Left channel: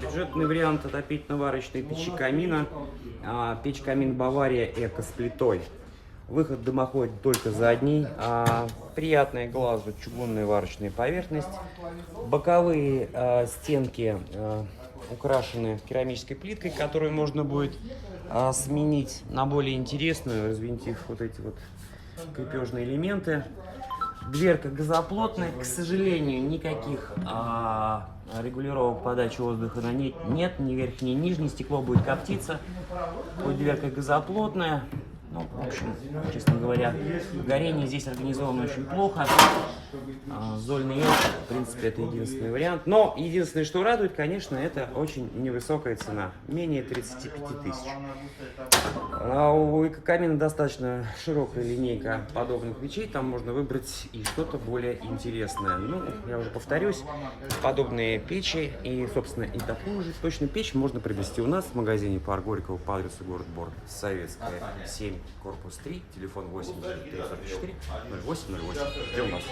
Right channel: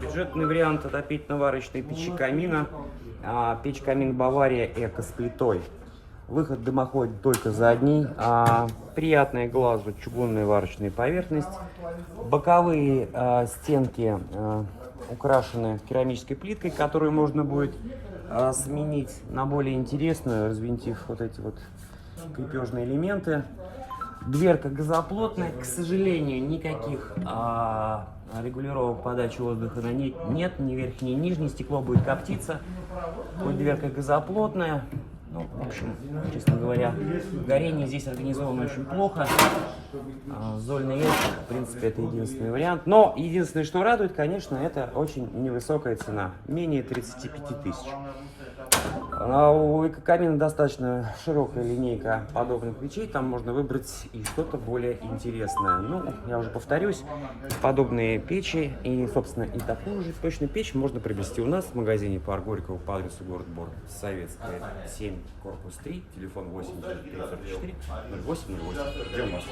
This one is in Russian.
Бюджетный вариант отопительно-варочной печи камина. Печь-камин Бавария Эко с плитой. Выход дымохода только задний. Приятная глазу чугунная варочная поверхность. Боковые стенки украшены керамической плиткой, которую можно будет сменить на более интересную, взвинтив вот эти вот крепежные элементы. Дверка газоплотная, к сожалению, никаких регулировок подачи воздуха на ней нет, ни верхней, ни нижней, стекло будет коптиться. Хоть дверка газоплотная, ну, в общем, честно говоря, горение здесь организовано очень плохо. Зольный ящик, в принципе, это единственный вариант. Но единственное, что радует, конечно, это очень невысокая цена, менее 35 тысяч. У Экокамина достаточно широкая линейка подобных печей, там можно выбрать и что-то более интересное. Ну, я уже повторюсь, подобные печи и, собственно, и такую же точно печь можно приобрести у нас в магазине Парк Горького по адресу город Бор, Советская, 7, корпус 3, телефон 8 344 08 08. Ждем вас.